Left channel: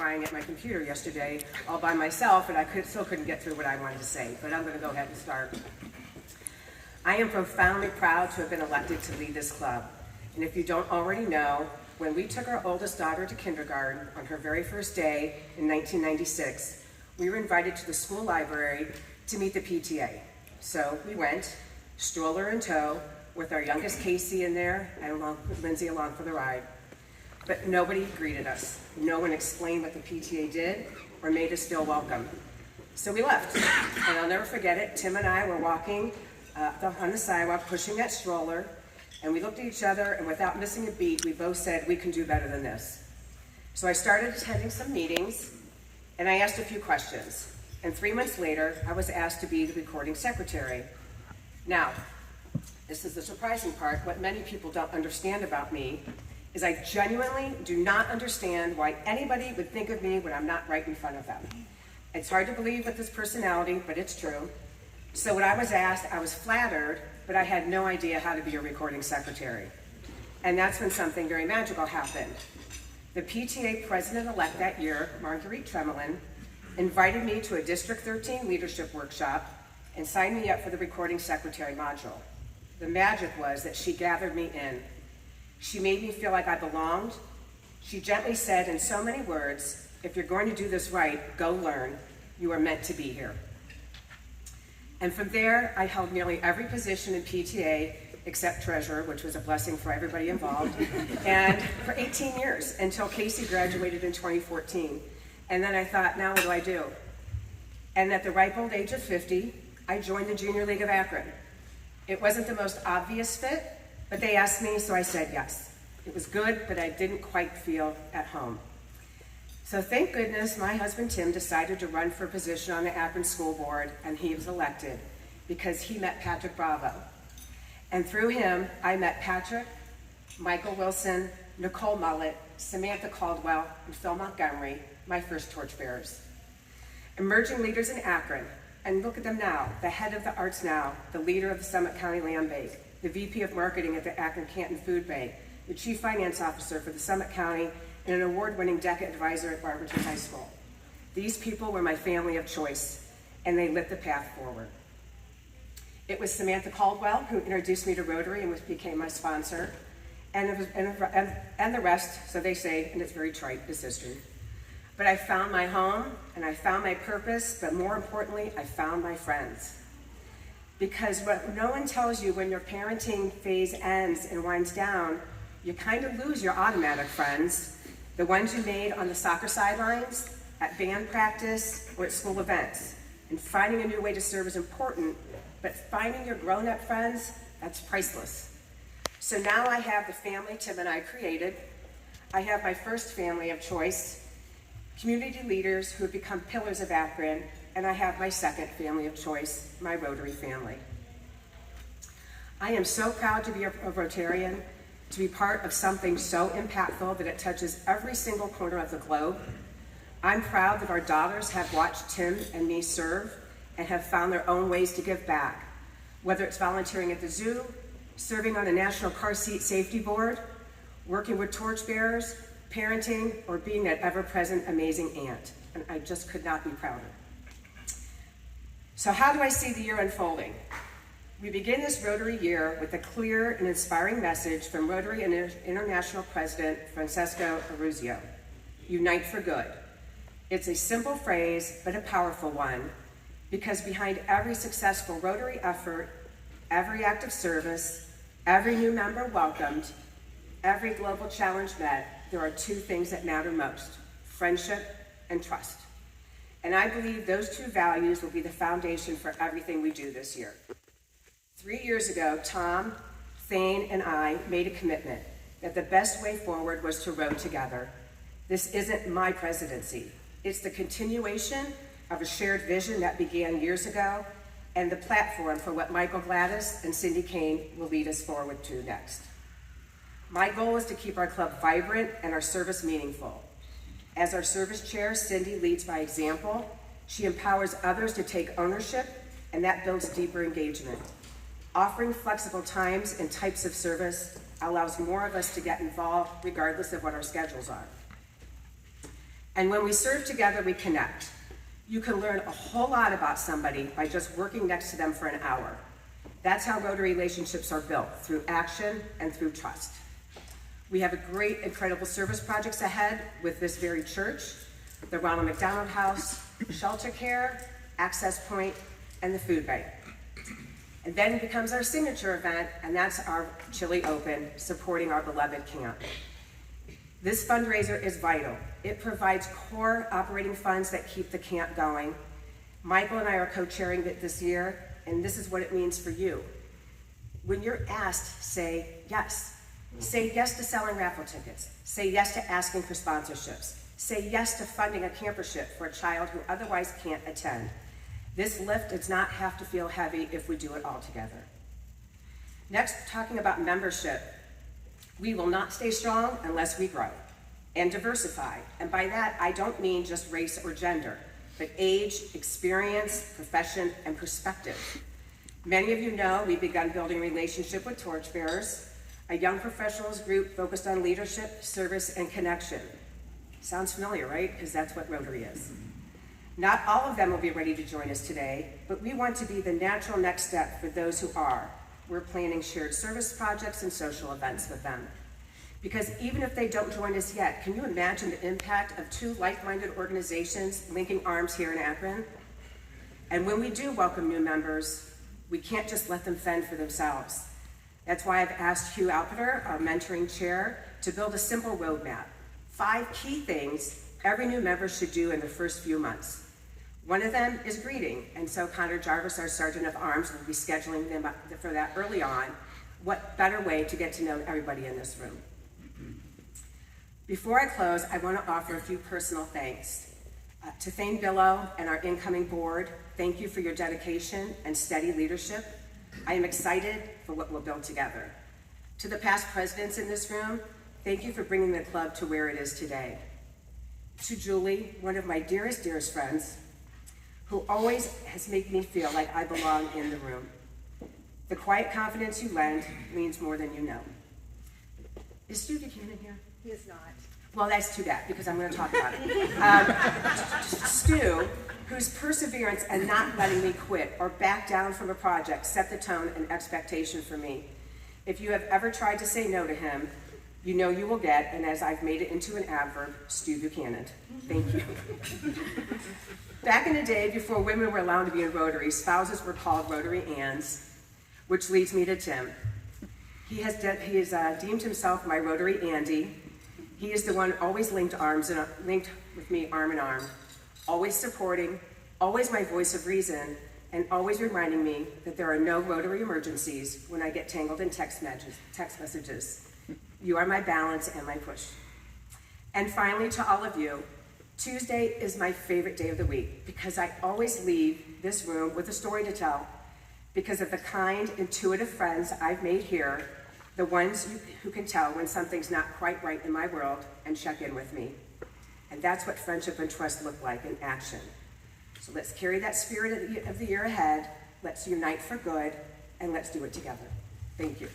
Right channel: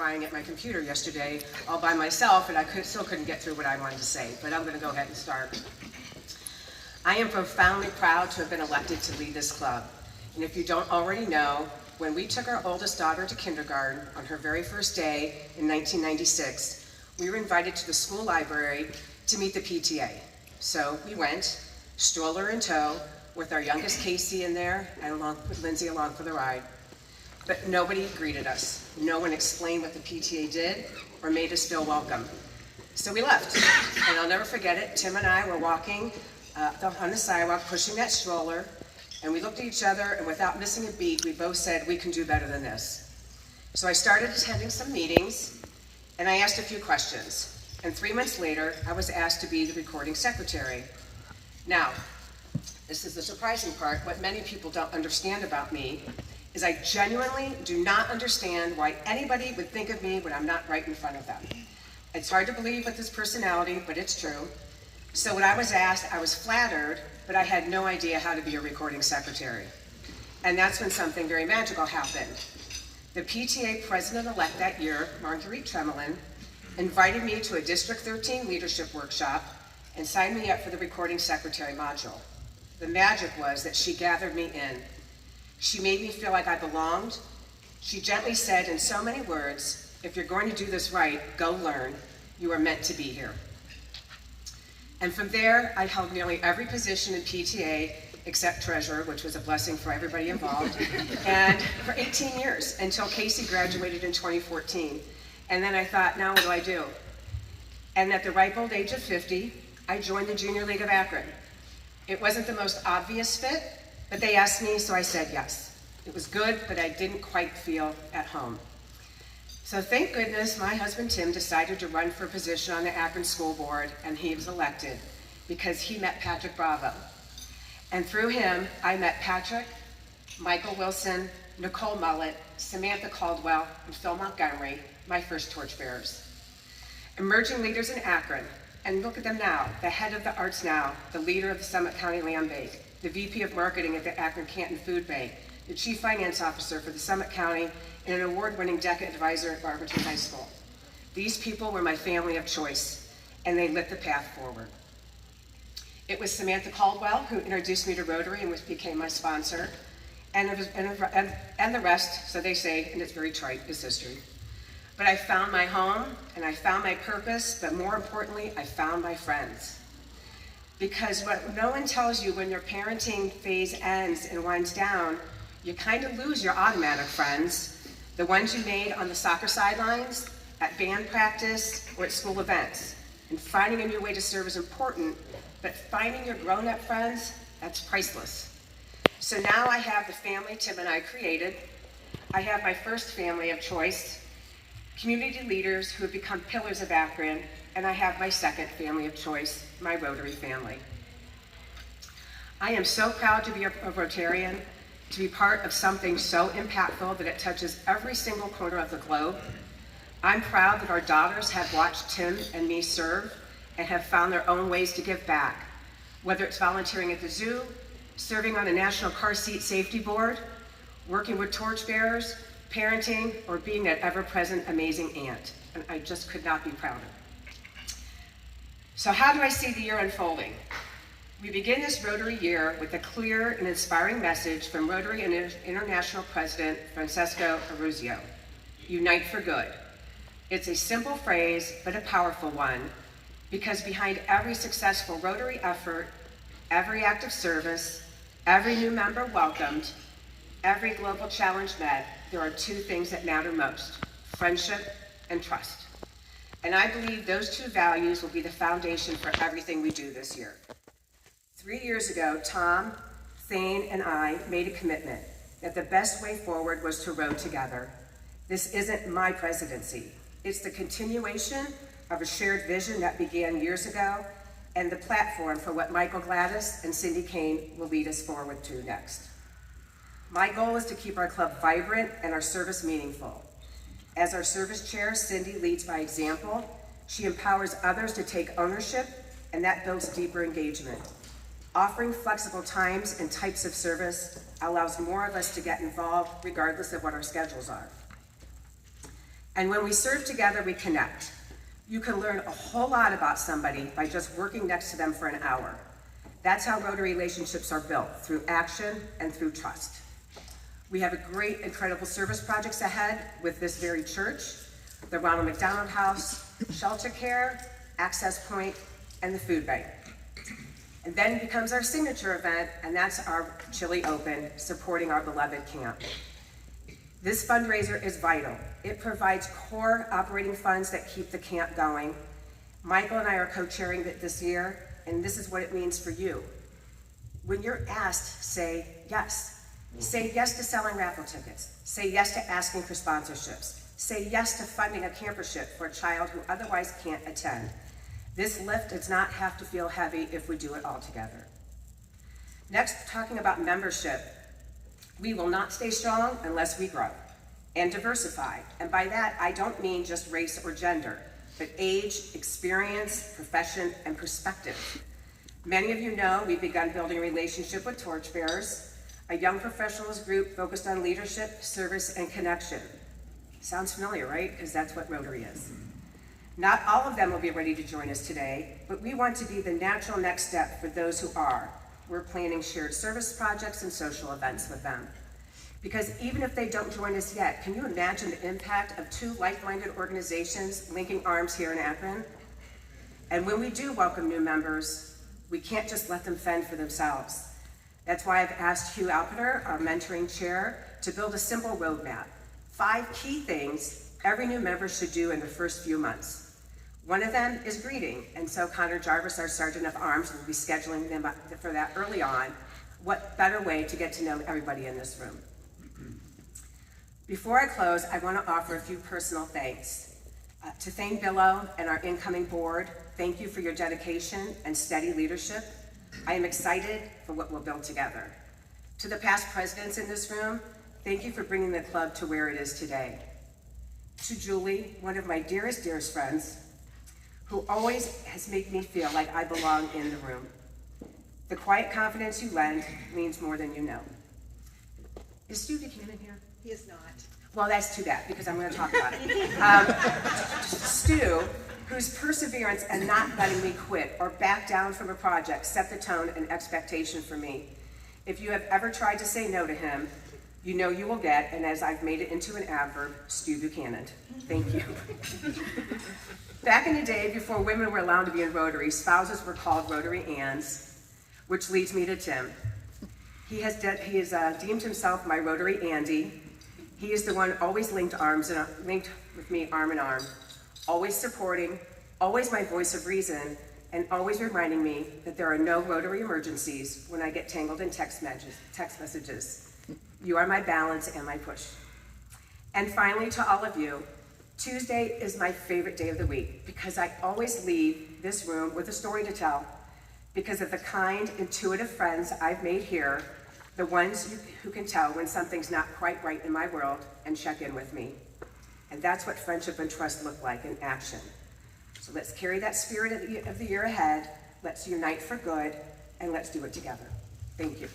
crying at my computer yesterday all by myself, and I still couldn't get through what I wanted to say, but I'm going to go ahead and start. I am profoundly proud to have been elected to lead this club. And if you don't already know, when we took our oldest daughter to kindergarten on her very first day in 1996, we were invited to the school library to meet the PTA. So we went, stroller in tow, with our youngest Casey in there, and along with Lindsay along for the ride. But nobody greeted us. No one explained what the PTA did or made us feel welcome. So we left, and I'll never forget it. Tim and I were walking on the sidewalk, pushing that stroller, and we looked at each other, and without missing a beat, we both said, we can do better than this. So I started attending some meetings, and I asked a few questions. And 3 months later, I was asked to be the recording secretary. Now, this is the surprising part. What many people don't understand about me is I genuinely do not understand why anybody would think of me when I'm not right in front of them. It's hard to believe with this personality, but it's true. So when I was asked, I was flattered, but I had no idea how to be a recording secretary. And that's when something very magical happened. The PTA president-elect that year, Marguerite Tremelin, invited me to a District 13 leadership workshop and signed me up for the recording secretary module. The magic was that she gathered me in. She made me feel like I belonged. She gently said in so many words, if you're going to do this right, go learn. You are meant to be here. And from there, I held nearly every position in PTA except treasurer, which was a blessing for everybody involved, and for 18 years until Casey graduated in 2014. And then I thought, now what do I do? And at the ripe old age of 50, I joined the Junior League of Akron. It wasn't the most obvious fit, but they asked me, so I said yes. It was good, but I didn't quite feel at home. So thank goodness my husband Tim decided to run for a position on the Akron School Board, and he was elected because he met Patrick Bravo. And through him, I met Patrick, Michael Wilson, Nicole Mullett, Samantha Caldwell, and Phil Montgomery, my first torchbearers. Emerging leaders in Akron, and look at them now, the head of the Arts Now, the leader of the Summit County Land Bank, the VP of Marketing at the Akron Canton Food Bank, the Chief Finance Officer for the Summit County, and an award-winning DECA advisor at Barberton High School. These people were my family of choice, and they lit the path forward. It was Samantha Caldwell who introduced me to Rotary and which became my sponsor, and the rest, so they say, and it's very trite, is history. But I found my home, and I found my purpose, but more importantly, I found my friends. Because what no one tells you when your parenting phase ends and winds down, you kind of lose your automatic friends, the ones you made on the soccer sidelines, at band practice, or at school events. And finding a new way to serve is important, but finding your grown-up friends, that's priceless. So now I have the family Tim and I created. I have my first family of choice, community leaders who have become pillars of Akron, and I have my second family of choice, my Rotary family. I am so proud to be a Rotarian, to be part of something so impactful that it touches every single corner of the globe. I'm proud that our daughters have watched Tim and me serve and have found their own ways to give back, whether it's volunteering at the zoo, serving on the National Car Seat Safety Board, working with torchbearers, parenting, or being that ever-present amazing aunt. And I just could not be prouder. So how do I see the year unfolding? We begin this Rotary year with a clear and inspiring message from Rotary International President Francesco Aruzio, Unite for Good. It's a simple phrase, but a powerful one, because behind every successful Rotary effort, every act of service, every new member welcomed, every global challenge met, there are two things that matter most: friendship and trust. And I believe those two values will be the foundation for everything we do this year. 3 years ago, Tom, Thane, and I made a commitment that the best way forward was to row together. This isn't my presidency. It's the continuation of a shared vision that began years ago and the platform for what Michael Gladys and Cindy Kane will lead us forward to next. My goal is to keep our club vibrant and our service meaningful. As our service chair, Cindy leads by example. She empowers others to take ownership, and that builds deeper engagement. Offering flexible times and types of service allows more of us to get involved regardless of what our schedules are. And when we serve together, we connect. You can learn a whole lot about somebody by just working next to them for an hour. That's how Rotary relationships are built, through action and through trust. We have great, incredible service projects ahead with this very church, the Ronald McDonald House, shelter care, access point, and the food bank. And then becomes our signature event, and that's our Chili Open, supporting our beloved camp. This fundraiser is vital. It provides core operating funds that keep the camp going. Michael and I are co-chairing it this year, and this is what it means for you. When you're asked, say yes. Say yes to selling raffle tickets. Say yes to asking for sponsorships. Say yes to funding a campership for a child who otherwise can't attend. This lift does not have to feel heavy if we do it all together. Next, talking about membership. We will not stay strong unless we grow and diversify. And by that, I don't mean just race or gender, but age, experience, profession, and perspective. Many of you know we've begun building a relationship with torchbearers, a young professionals group focused on leadership, service, and connection. Sounds familiar, right? Because that's what Rotary is. Not all of them will be ready to join us today, but we want to be the natural next step for those who are. We're planning shared service projects and social events with them. Because even if they don't join us yet, can you imagine the impact of two like-minded organizations linking arms here in Akron? And when we do welcome new members, we can't just let them fend for themselves. That's why I've asked Hugh Alpeter, our mentoring chair, to build a simple roadmap. 5 key things every new member should do in the first few months. One of them is greeting, and so Connor Jarvis, our Sergeant of Arms, will be scheduling them for that early on. What better way to get to know everybody in this room? Before I close, I want to offer a few personal thanks. To Thane Billow and our incoming board, thank you for your dedication and steady leadership. I am excited for what we'll build together. To the past presidents in this room, thank you for bringing the club to where it is today. To Julie, one of my dearest friends, who always has made me feel like I belong in the room. The quiet confidence you lend means more than you know. Is Stu Buchanan here? He is not. Well, that's too bad, because I'm going to talk about it. Stu, whose perseverance and not letting me quit or back down from a project set the tone and expectation for me. If you have ever tried to say no to him, you know you will get, and as I've made it into an adverb, Stu Buchanan. Thank you. Back in the day, before women were allowed to be in Rotary, spouses were called Rotary Anns, which leads me to Tim. He has deemed himself my Rotary Andy. He is the one always linked with me arm in arm, always supporting, always my voice of reason, and always reminding me that there are no Rotary emergencies when I get tangled in text messages. You are my balance and my push. And finally, to all of you, Tuesday is my favorite day of the week because I always leave this room with a story to tell because of the kind, intuitive friends I've made here, the ones who can tell when something's not quite right in my world and check in with me. And that's what friendship and trust look like in action. So let's carry that spirit of the year ahead, let's unite for good, and let's do it together. Thank you.